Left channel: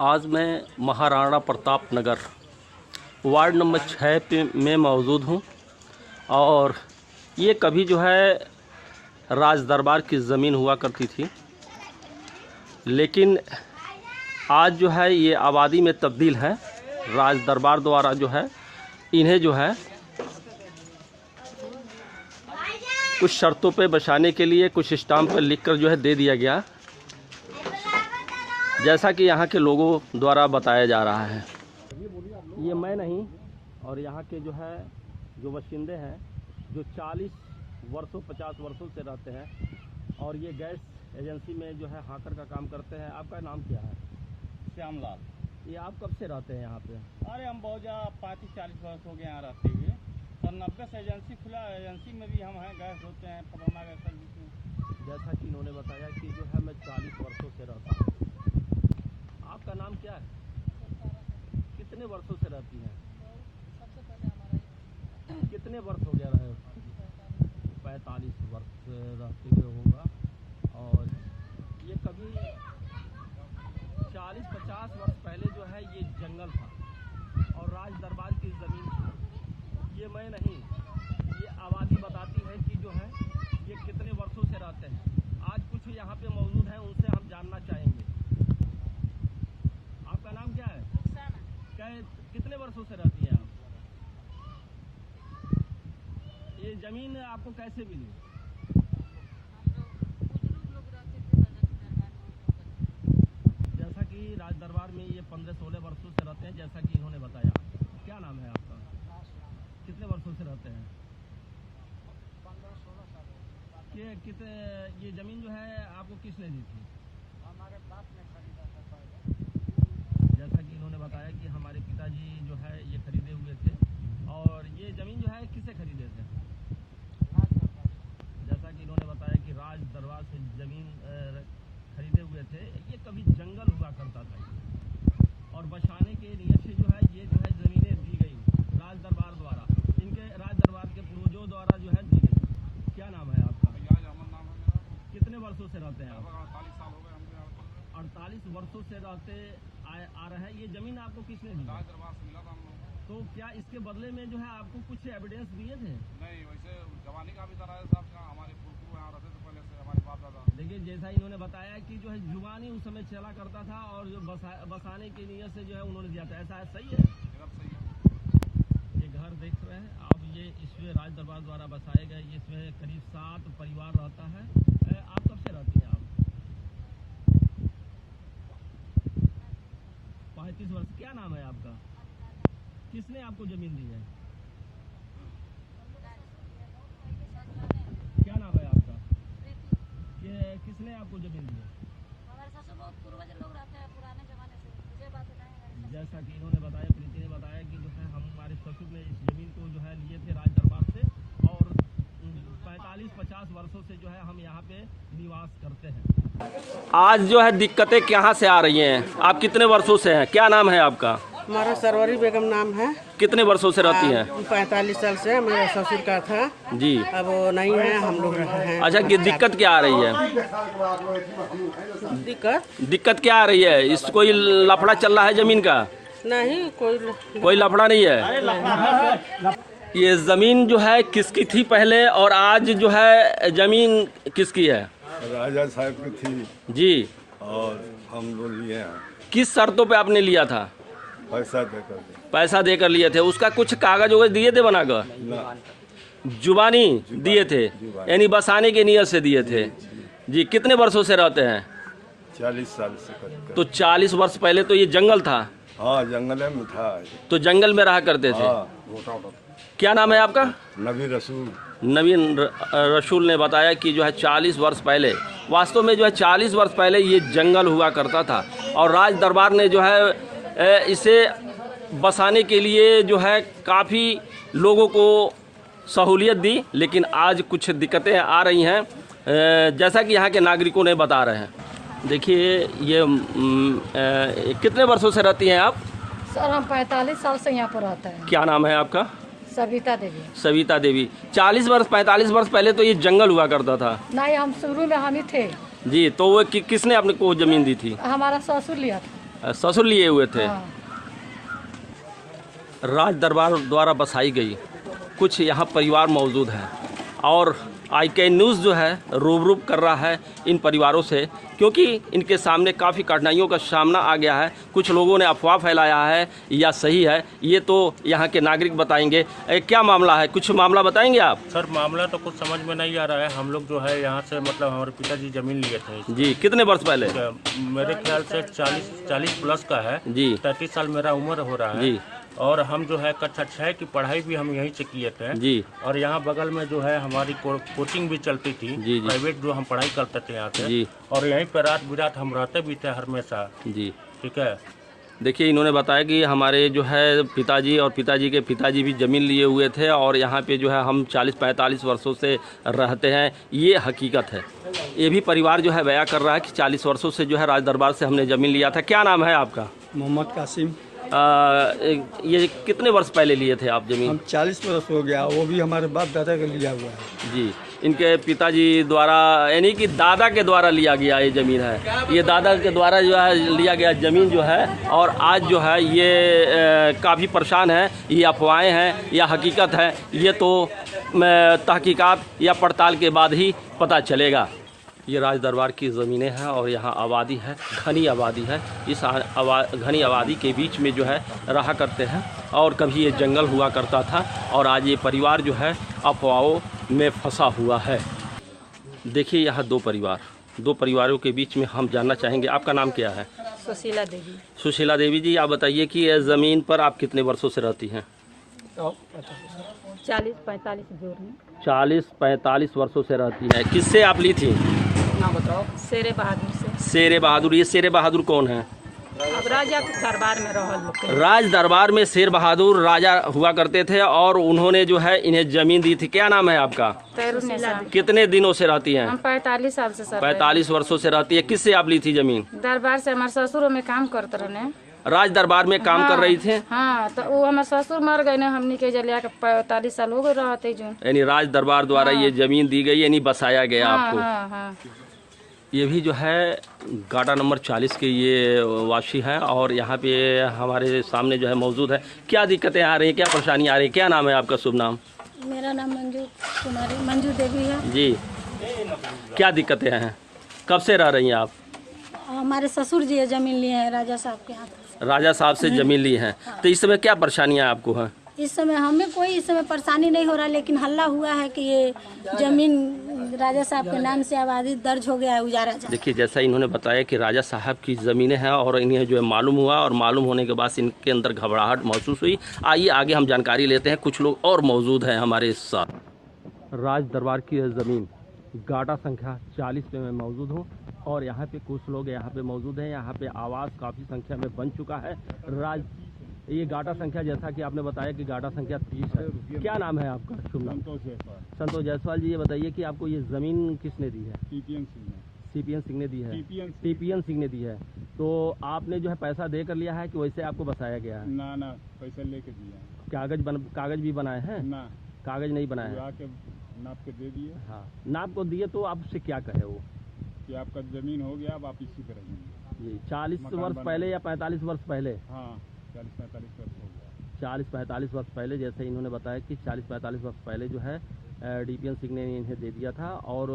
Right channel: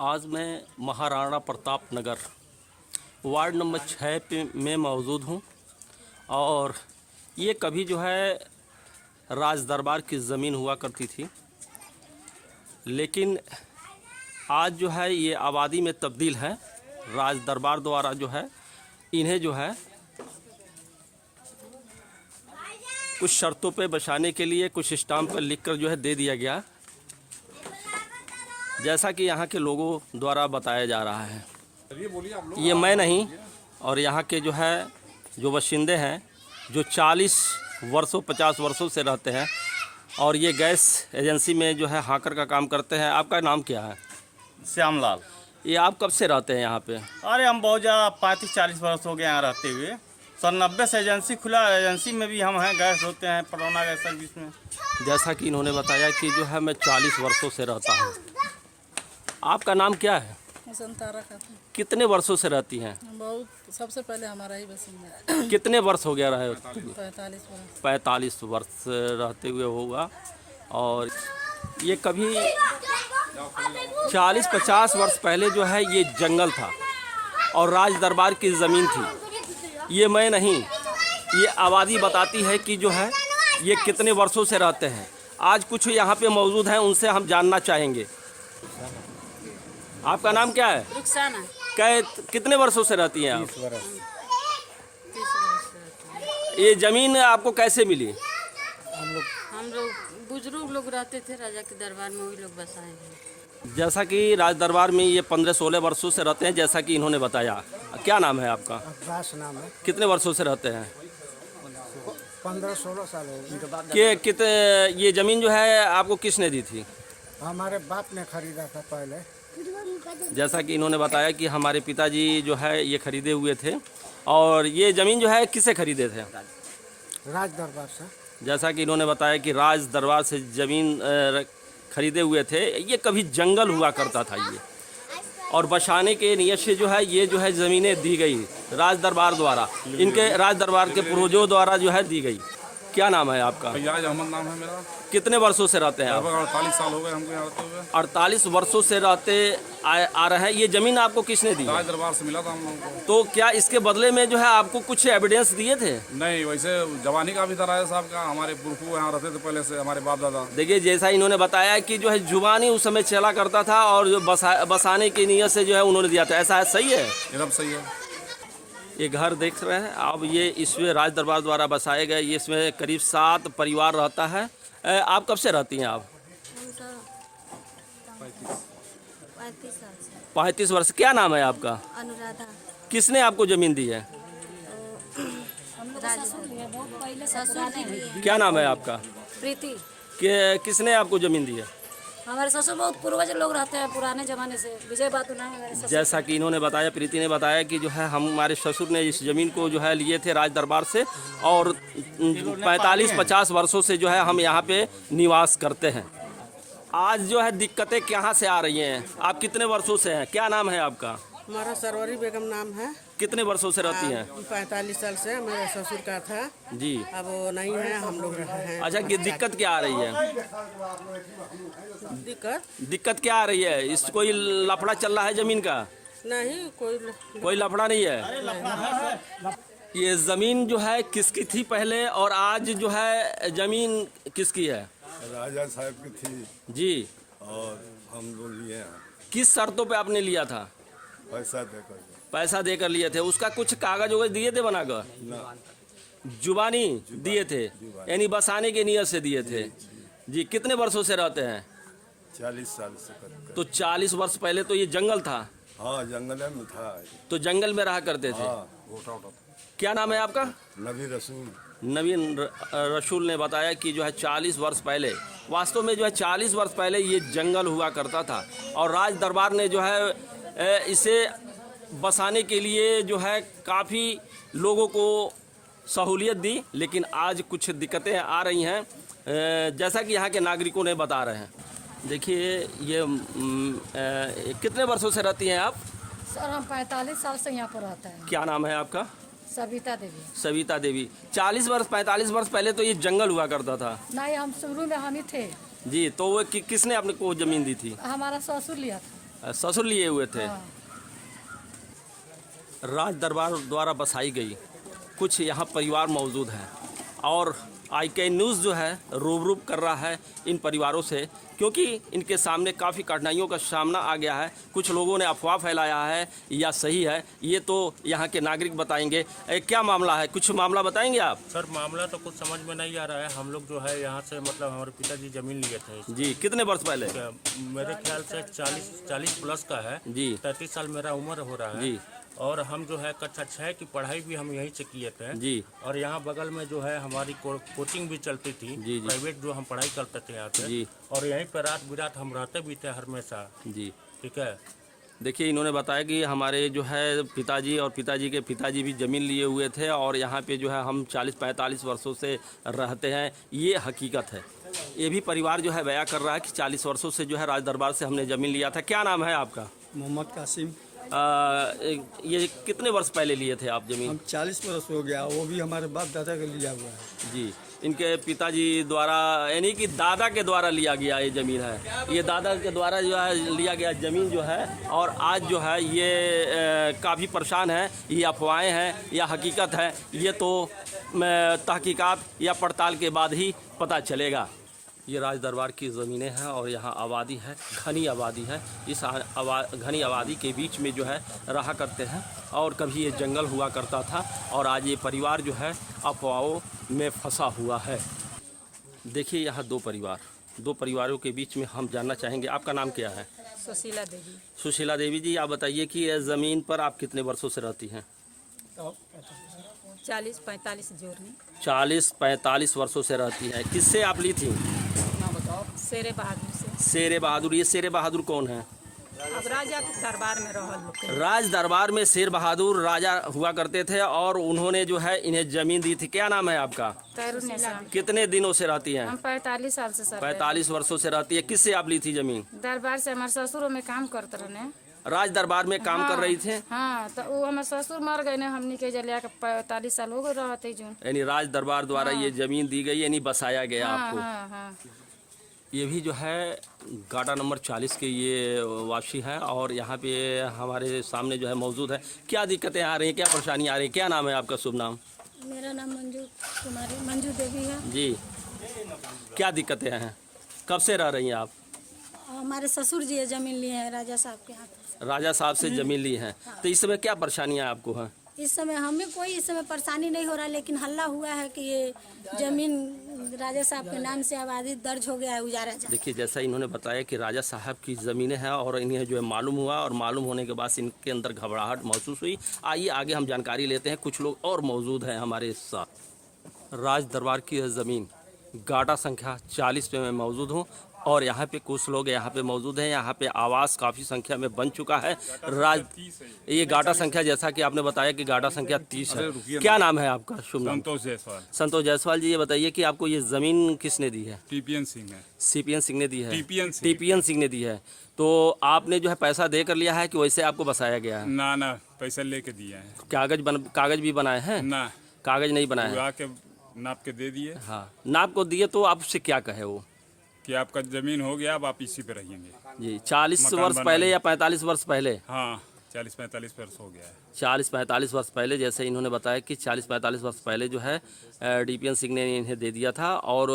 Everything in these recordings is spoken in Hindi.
आज मैं महाराणा प्रताप नगर वार्ड नंबर 6 में मौजूद हूँ और ये कभी जो है राज दरबार की ज़मीन हुआ करती थी, लेकिन आज जो है ये आबादी में तब्दील है। राज दरबार द्वारा जो है इन्हें जो है कुछ शर्तों पे बसाने के लिए कुछ स्टाम्प पर लिखकर जो है दे दिया गया, जैसा कि यहाँ के लोगों द्वारा बताया जा रहा है। ये मैं नहीं और यहाँ के जो बाशिंदे हैं जो 40 वर्षों 50 वर्षों से रहते हैं और ये गैस एजेंसी में जो है हाकर का काम करते हैं। आपका नाम क्या है? श्यामलाल। ये आप कब से रहते हैं यहाँ पे? अरे हम बहुत ज़्यादा 35-40 वर्ष हो गए यहाँ रहते हुए। सन 90 से एजेंसी खुला, एजेंसी में भी हम हैं, गैस होते हैं परोना गैस सर्विस में। जैसा कि इन्होंने बताया कि जो है मैं 40 वर्षों से रहता हूँ। आपका नाम क्या है? संतारा खातून। कितने वर्षों से रहती हैं? बहुत, सबसे पहले हमारा ही बसिंदा है। कितने वर्ष हो गया रहे? 45 वर्ष। 45 वर्ष रहते हुए होगा। और ये कभी 40-50 वर्ष पहले जो है ये जंगल था और राज दरबार की ज़मीन थी। ये मैं नहीं, ये आबादी बताती है कि जो है ये कितने वर्षों से रहते हैं। आज कुछ यहाँ पे मौजूद हैं, उनसे हम जानना चाहेंगे। आपका नाम क्या है? रुखसाना। कितने वर्षों से रहती हैं आप? ये ज़मीन आपको कैसे मिली? हम लोग बुजुर्ग लोग रहते थे राजा के दरबार में, वही लोग बसाए। जैसा कि राज दरबार में ये 15-16 वर्षों से रहते हैं, जैसा कि इन्होंने बताया। क्या नाम है आपका? रास नाम है। कितने वर्षों से रहते हैं? 15-16 साल हो कितने ये ज़मीन जो है आपको किसने दी थी? हमारे बाप ने खरीदा था पहले। जैसा कि इन्होंने बताया कि हमारे पिताजी जो है ये खरीदे हुए थे। और ये ज़मीन जो है किससे खरीदे थे? राज दरबार से। जैसा कि इन्होंने बताया कि राज दरबार से ज़मीन खरीदे हुए थे। ये कभी जंगल हुआ करता था ये, और बसाने के नियत से जो है ये जो है ज़मीनें दी गई राज दरबार द्वारा, इनके राज दरबार के पूर्वजों द्वारा जो है दी गई। क्या नाम है आपका? फैयाज अहमद नाम है मेरा। कितने वर्षों से रहते हैं आप? 48 साल हो गए हमको यहाँ रहते हुए। 48 वर्षों से रहते आ रहे हैं। ये ज़मीन आपको किसने दी? राज दरबार से मिला था हम लोगों को। तो क्या इसके बदले में जो है आपको कुछ एविडेंस दिए थे? नहीं, वैसे जवानी का भी था राजा साहब का। हमारे पुरखू यहाँ रहते थे पहले से, हमारे बाप दादा। देखिए, जैसा इन्होंने बताया कि जो है जुबानी उस समय चला करता था और जो बसाने की नीयत से जो है उन्होंने दिया था। ऐसा है? सही है? एकदम सही है। ये घर देख रहे हैं अब, ये इसमें राज दरबार द्वारा बसाए गए। ये इसमें करीब 7 परिवार रहता है। आप कब से रहती हैं आप? 35 वर्ष। क्या नाम है आपका? अनुराधा। किसने आपको ज़मीन दी है? क्या नाम है आपका? प्रीति। किसने आपको ज़मीन दी है? हमारे ससुर बहुत पूर्वज लोग रहते हैं पुराने ज़माने से। विजय बात ना है। जैसा कि इन्होंने बताया, प्रीति ने बताया कि जो है हमारे ससुर ने इस ज़मीन को जो है लिए थे राज दरबार से, और 45-50 वर्षों से जो है हम यहाँ पे निवास करते हैं। आज जो है दिक्कतें कहाँ से आ रही हैं? आप कितने वर्षों से हैं? क्या नाम है आपका? हमारा सरवरी बेगम नाम है। कितने वर्षों से रहती हैं? 45 साल से मेरे ससुर का था जी। अब वो नहीं है, हम लोग हैं। अच्छा, कि दिक्कत क्या आ रही है? दिक्कत क्या आ रही है? इस कोई लफड़ा चल रहा है ज़मीन का? नहीं, कोई लफड़ा नहीं है। ये ज़मीन जो है किसकी थी पहले, और आज जो है ज़मीन किसकी है? राजा साहब की थी जी। और हम लोग लिए हैं। किस शर्तों पे आपने लिया था? पैसा देकर लिए थे। उसका कुछ कागज वगैरह दिए थे बनाकर? ना, जुबानी दिए थे, यानी बसाने की नीयत से दिए थे। जी। कितने वर्षों से रहते हैं? 40 साल से करते। तो 40 वर्ष पहले तो ये जंगल था? हाँ, जंगल में था। तो जंगल में रहा करते थे। हाँ। क्या नाम है आपका? नबी रसूल। नवीन रसूल ने बताया कि जो है 40 वर्ष पहले, वास्तव में जो है 40 वर्ष पहले ये जंगल हुआ करता था और राज दरबार ने जो है इसे बसाने के लिए जो है काफ़ी लोगों को सहूलियत दी, लेकिन आज कुछ दिक्कतें आ रही हैं, जैसा कि यहाँ के नागरिकों ने बता रहे हैं। देखिए, ये कितने वर्षों से रहती हैं आप? सर हम 45 साल से यहाँ पर रहते हैं। क्या नाम है आपका? सविता देवी। सविता देवी। 40 वर्ष 45 वर्ष पहले तो ये जंगल हुआ करता था। नहीं, हम शुरू में हम ही थे जी। तो वो किसने आपने को ज़मीन दी थी? हमारा ससुर लिया था। ससुर लिए हुए थे। राज दरबार द्वारा बसाई गई कुछ यहाँ परिवार मौजूद हैं और IK न्यूज़ जो है रूबरू कर रहा है इन परिवारों से, क्योंकि इनके सामने काफ़ी कठिनाइयों का सामना आ गया है। कुछ लोगों ने अफवाह फैलाया है या सही है, ये तो यहाँ के नागरिक बताएंगे। क्या मामला है, कुछ मामला बताएंगे आप? सर मामला तो कुछ समझ में नहीं आ रहा है। हम लोग जो है यहाँ से मतलब हमारे पिताजी जमीन लिए थे जी, कितने वर्ष पहले? मेरे ख्याल से 40 प्लस का है जी। 33 साल मेरा उम्र हो रहा है जी। और हम जो है कक्षा 6 की पढ़ाई भी हम यहीं से किए थे जी। और यहाँ बगल में जो है हमारी कोचिंग भी चलती थी। जी। प्राइवेट जो हम पढ़ाई करते थे यहाँ से जी। और यहीं पर रात बिरात हम रहते भी थे हमेशा। जी, ठीक है। देखिए इन्होंने बताया कि हमारे जो है पिताजी और पिताजी के पिताजी भी ज़मीन लिए हुए थे और यहाँ पे जो है हम 40-45 वर्षों से रहते हैं, ये हकीकत है। ये भी परिवार जो है बयां कर रहा है कि 40 वर्षों से जो है राज दरबार से हमने ज़मीन लिया था। क्या नाम है आपका? मोहम्मद कासिम। ये कितने वर्ष पहले लिए थे आप ज़मीन? हम 40 वर्ष हो गया, वो भी हमारे बाप दादा का लिया हुआ है। जी, इनके पिताजी द्वारा यानी कि दादा के द्वारा लिया गया ये ज़मीन है। ये दादा के द्वारा जो है लिया गया ज़मीन जो है और आज जो है ये काफ़ी परेशान है। ये अफवाहें हैं या हकीकत है, ये तो तहकीकात या पड़ताल के बाद ही पता चलेगा। ये राज दरबार की ज़मीनें हैं और यहाँ आबादी है, घनी आबादी है। इस घनी आबादी के बीच में जो है रहा करते हैं और कभी ये जंगल हुआ करता था और आज ये परिवार जो है अफवाहों में फंसा हुआ है। देखिए यहाँ दो परिवारों के बीच में हम जानना चाहेंगे, आपका नाम क्या है? सुशीला देवी। सुशीला देवी जी, आप बताइए कि ये ज़मीन पर आप कितने वर्षों से रहती हैं? 40-45 जोड़ में। 40-45 वर्षों से रहती हैं। किससे आप ली थी? ना बताओ। शेरे बहादुर से। शेरे बहादुर, ये शेरे बहादुर कौन है? अब राजा के दरबार में रहल। राज दरबार में शेर बहादुर राजा हुआ करते थे और उन्होंने जो है इन्हें जमीन दी थी। क्या नाम है आपका? कितने दिनों से रहती हैं? हम 45 साल से सर। 45 वर्षों से रहती है। किससे आप ली थी जमीन? दरबार से। हमारे ससुर में काम करते रहे। राज दरबार में काम कर रही थे? हाँ, तो वो हमारे ससुर मर गए ना, हमने के जलिया के 45 साल हो गए रहते जो। यानी राज दरबार द्वारा ये जमीन दी गई, यानी बसाया गया आपको। हाँ। ये भी जो है गाड़ा नंबर 40 के ये वासी हैं और यहाँ पे हमारे सामने जो है मौजूद है। क्या दिक्कतें आ रही हैं, क्या परेशानियाँ आ रही हैं? क्या नाम है आपका? शुभ नाम? मेरा नाम मंजू देवी है जी। क्या दिक्कतें हैं, कब से रह रही हैं आप? हमारे ससुर जी ज़मीन लिए हैं राजा साहब के हाथ से। राजा साहब से ज़मीन ली हैं, तो इस समय क्या परेशानियाँ आपको हैं? इस समय हमें कोई इस समय परेशानी नहीं हो रहा, लेकिन हल्ला हुआ है कि ये ज़मीन राजा साहब के नाम से आबादी दर्ज हो गया है उजारा। देखिए जैसा इन्होंने बताया कि राजा साहब की ज़मीनें हैं और इन्हें जो है मालूम हुआ और मालूम होने के बाद इनके अंदर घबराहट महसूस हुई। आइए आगे हम जानकारी लेते हैं, कुछ लोग और मौजूद हैं हमारे साथ। राज दरबार की ज़मीन गाटा संख्या 40 पे मैं मौजूद हूँ और यहाँ पे कुछ लोग यहाँ पे मौजूद हैं। यहाँ पे आवास काफ़ी संख्या में बन चुका है। ये गाटा संख्या, जैसा कि आपने बताया कि गाटा संख्या 30 है। क्या नाम है आपका? शुभ नाम? संतोष जायसवाल। संतोष जायसवाल जी, ये बताइए कि आपको ये ज़मीन किसने दी है? टीपीएन सिंह है। CPN सिंह ने दी है? टीपीएन सिंह ने दी है। तो आपने जो है पैसा दे कर लिया है कि वैसे आपको बसाया गया है? ना पैसा लेके दिया है। कागज भी बनाए हैं? ना, कागज नहीं बनाए हैं। के नाप के दे दिए। हाँ, नाप को दिए तो आपसे क्या कहे वो? कि आपका ज़मीन हो गया, अब आप इसी पे रहेंगे। जी, 40 वर्ष पहले या 45 वर्ष पहले? हाँ, 40-45 वर्ष हो गया है। 40-45 वर्ष पहले, जैसे इन्होंने बताया कि 40-45 वर्ष पहले जो है DPN सिंह ने इन्हें दे दिया था और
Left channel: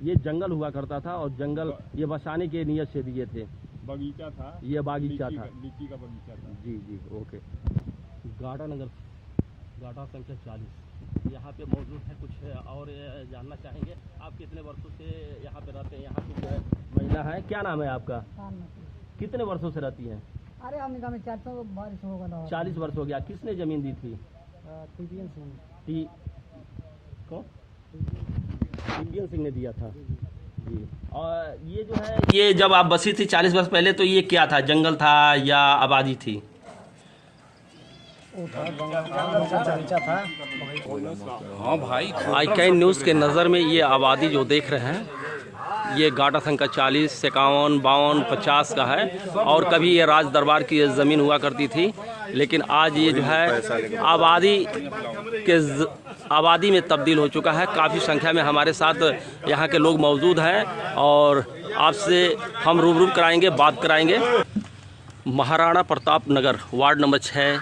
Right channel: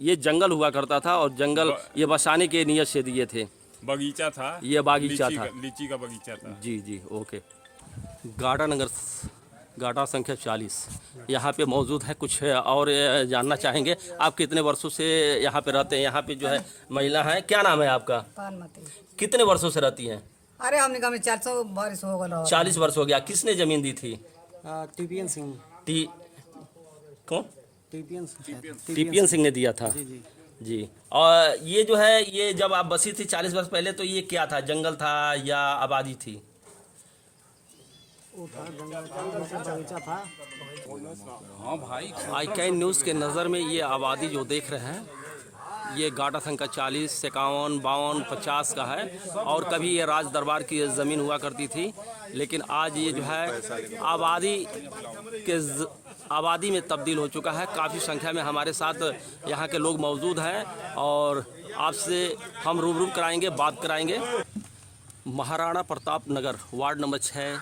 ये जंगल हुआ करता था और जंगल ये बसाने के नियत से दिए थे। बगीचा था, ये बागीचा था, लीची का बगीचा था। जी ओके। गाटा संख्या 40 यहाँ पे मौजूद है। कुछ और जानना चाहेंगे, आप कितने वर्षों से यहाँ पे रहते हैं? यहाँ पे जो है महिला है, क्या नाम है आपका? कितने वर्षों से रहती हैं? अरे हमने कहा 400 वर्ष हो गया। 40 वर्ष हो गया। किसने जमीन दी थी? टीपीएन सिंह। कौन? टीपीएन सिंह ने दिया था। जी। और ये जो है, ये जब आप बसी थी 40 वर्ष पहले, तो ये क्या था, जंगल था या आबादी थी? हाँ भाई, IK न्यूज़ के नज़र में ये आबादी जो देख रहे हैं, ये गाटा संख्या 40, 51, 52, 50 का है और कभी ये राज दरबार की ज़मीन हुआ करती थी, लेकिन आज ये जो है आबादी में तब्दील हो चुका है। काफ़ी संख्या में हमारे साथ यहाँ के लोग मौजूद हैं और आपसे हम रूबरू कराएंगे, बात कराएंगे। महाराणा प्रताप नगर वार्ड नंबर 6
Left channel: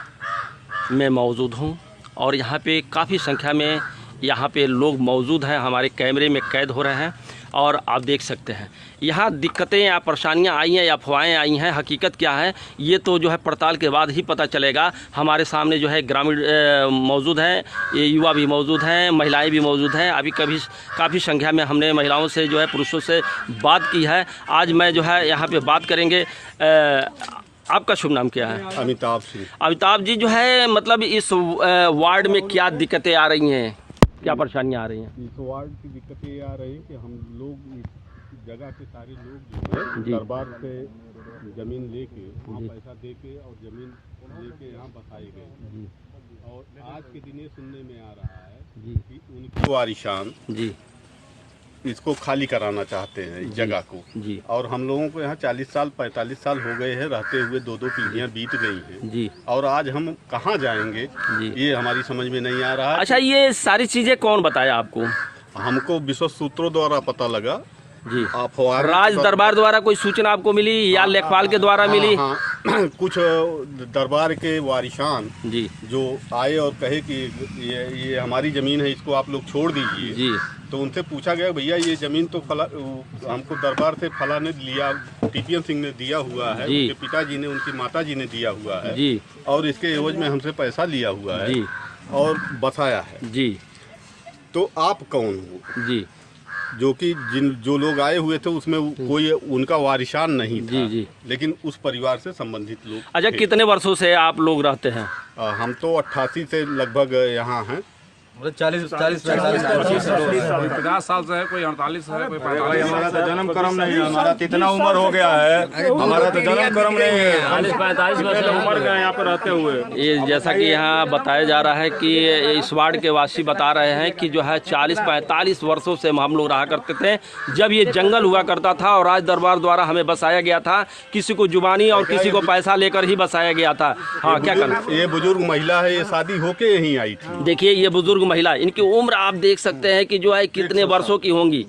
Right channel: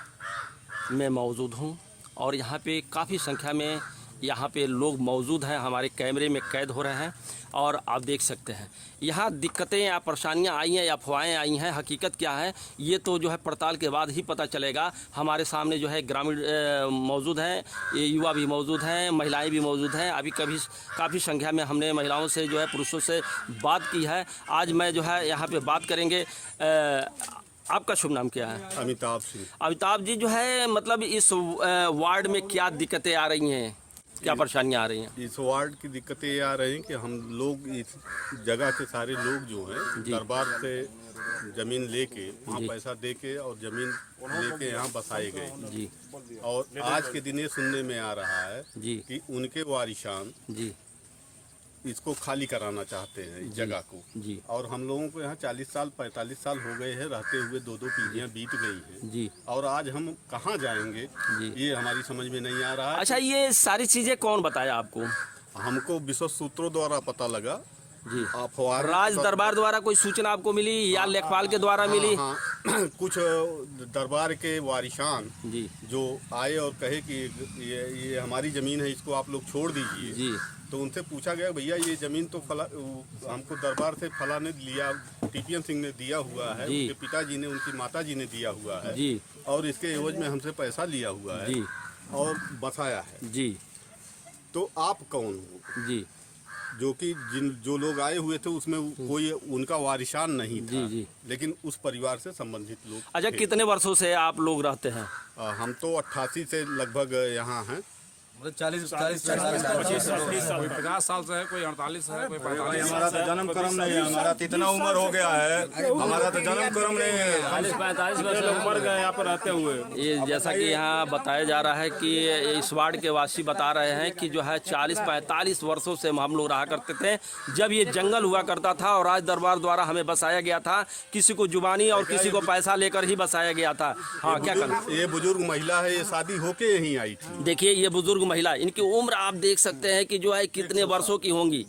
में मौजूद हूँ और यहाँ पे काफ़ी संख्या में यहाँ पे लोग मौजूद हैं, हमारे कैमरे में कैद हो रहे हैं और आप देख सकते हैं यहाँ दिक्कतें या परेशानियाँ आई हैं या अफवाहें आई हैं, हकीकत क्या है ये तो जो है पड़ताल के बाद ही पता चलेगा। हमारे सामने जो है ग्रामीण मौजूद हैं, ये युवा भी मौजूद हैं, महिलाएं भी मौजूद हैं। अभी काफ़ी संख्या में हमने महिलाओं से जो है पुरुषों से बात की है। आज मैं जो है यहाँ पे बात करेंगे। आपका शुभ नाम क्या है? अमिताभ सिंह। अमिताभ जी, जो है मतलब इस वार्ड में क्या दिक्कतें आ रही हैं, क्या परेशानियाँ आ रही हैं? इस वार्ड की दिक्कतें ये आ रही हैं कि हम लोग इस जगह के सारे लोग जो हैं दरबार से ज़मीन लेके वहाँ पैसा देके और ज़मीन लेके यहाँ बसाए गए जी। और आज के दिन ये सुनने में आ रहा है जी कि उनके वारिशान जी इसको खाली कराना चाहते हैं इस जगह को जी। और हम लोगों को यहाँ 40 साल 45 साल हो गए हैं रहते हुए, 2 पीढ़ियाँ बीत गई हैं जी। और आज हम कहाँ जाएंगे जी। ये हमारी समझ में नहीं आ रहा है। अच्छा, ये सारी चीज़ें कौन बताया आपको? हमको विश्व सूत्रों द्वारा पता लगा जी। अफवाह राज दरबार द्वारा कोई सूचना आपको मिली या लेखपाल के द्वारा मिली? हाँ, कुछ दरबार के वारिशान जी जो आए और कहे कि ये हमारी ज़मीन है, इसको आप लोग छोड़ दीजिए जी। तो उनसे पूछा गया भैया ये ज़मीन तो हमको दरबार से फला ने लिया, टीपीएन सिंह ने दिया हुआ है, उनके पिताजी ने, उनकी माताजी ने दिया हुआ है जी। और इसके एवज में हमसे पैसा लिया हुआ है जी। और बसाया है जी। तो आप कौन हो? जी। जो कि जो लोग आए हुए थे उसमें कोई उनका वारिशान नहीं था। जी। लेकिन उस परिवार से संबंधित लोग। अच्छा, कितने वर्षों से आप लोग रहते हैं? हम तो 88 से लगभग यहाँ हैं। 50 साल से है, कोई 48 है, कोई 45। हमारा तो जन्म कर्म नहीं है, हमारा तो इतना उम्र हो गया है, हमारा तो जन्म कर्म नहीं है, 45 वर्ष उम्र गए यहाँ पर रहते हुए। ये जैसा कि यहाँ बताया जा रहा है कि इस वार्ड के वासी बता रहे हैं कि जो है 40-45 वर्षों से हम लोग रहा करते थे। जब ये जंगल हुआ करता था और राज दरबार द्वारा हमें बसाया गया था, किसी को जुबानी और किसी को पैसा लेकर ही बसाया गया था। हाँ, क्या करना? ये बुजुर्ग महिला है, ये शादी होके यहीं आई थी। देखिए ये बुजुर्ग महिला, इनकी उम्र आप देख सकते हैं कि जो है कितने वर्षों की होंगी।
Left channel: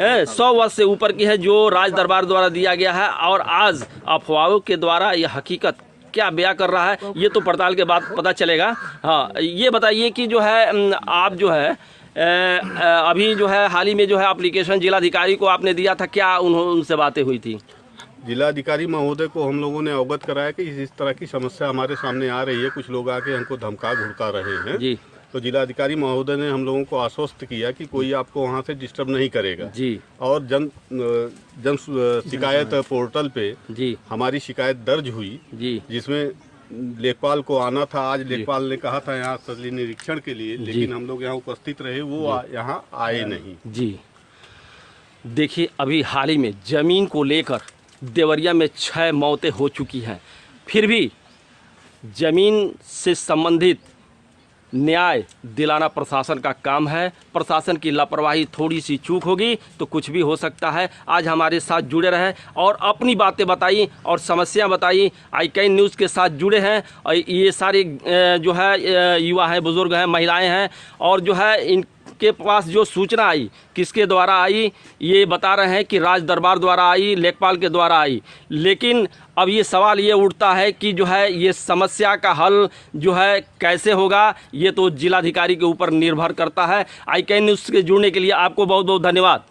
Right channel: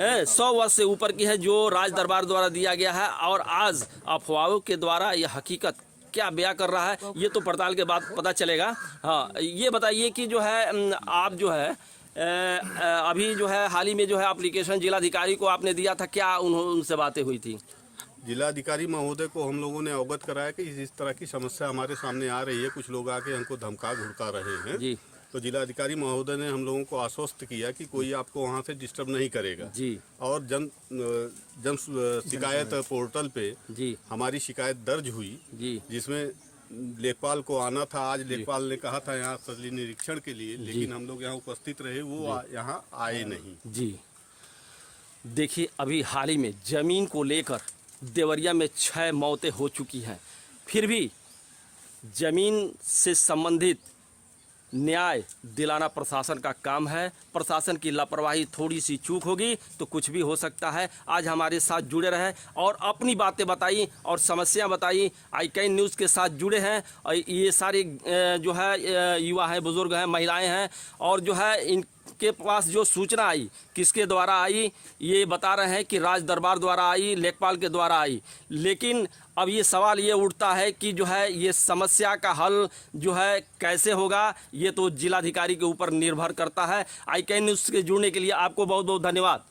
100 वर्ष से ऊपर की है जो राज दरबार द्वारा दिया गया है। और आज अफवाहों के द्वारा यह हकीकत क्या बयां कर रहा है ये तो पड़ताल के बाद पता चलेगा। हाँ, ये बताइए कि जो है आप जो है अभी जो है हाल ही में जो है एप्लीकेशन जिलाधिकारी को आपने दिया था, क्या उनसे बातें हुई थी? जिलाधिकारी महोदय को हम लोगों ने अवगत कराया कि इस तरह की समस्या हमारे सामने आ रही है, कुछ लोग आके हमको धमका घुड़का रहे हैं जी। तो जिलाधिकारी महोदय ने हम लोगों को आश्वस्त किया कि कोई आपको वहाँ से डिस्टर्ब नहीं करेगा जी। और जन शिकायत पोर्टल पे जी हमारी शिकायत दर्ज हुई जी, जिसमें लेखपाल को आना था। आज लेखपाल ने कहा था यहाँ स्थलीय निरीक्षण के लिए, लेकिन हम लोग यहाँ उपस्थित रहे, वो यहाँ आए नहीं जी। देखिए अभी हाल ही में ज़मीन को लेकर देवरिया में 6 मौतें हो चुकी हैं, फिर भी ज़मीन से संबंधित न्याय दिलाना प्रशासन का काम है। प्रशासन की लापरवाही, थोड़ी सी चूक होगी तो कुछ भी हो सकता है। आज हमारे साथ जुड़े रहे और अपनी बातें बताई और समस्या बताई। i-CAN न्यूज़ के साथ जुड़े हैं और ये सारे जो है युवा हैं, बुज़ुर्ग हैं, महिलाएं हैं और जो है इनके पास जो सूचना आई किसके द्वारा आई ये बता रहे हैं कि राज दरबार द्वारा आई, लेखपाल के द्वारा आई। लेकिन अब ये सवाल ये उठता है कि जो है ये समस्या का हल जो है कैसे होगा, ये तो जिलाधिकारी के ऊपर निर्भर करता है। i-CAN न्यूज़ के जुड़ने के लिए आपको बहुत बहुत धन्यवाद।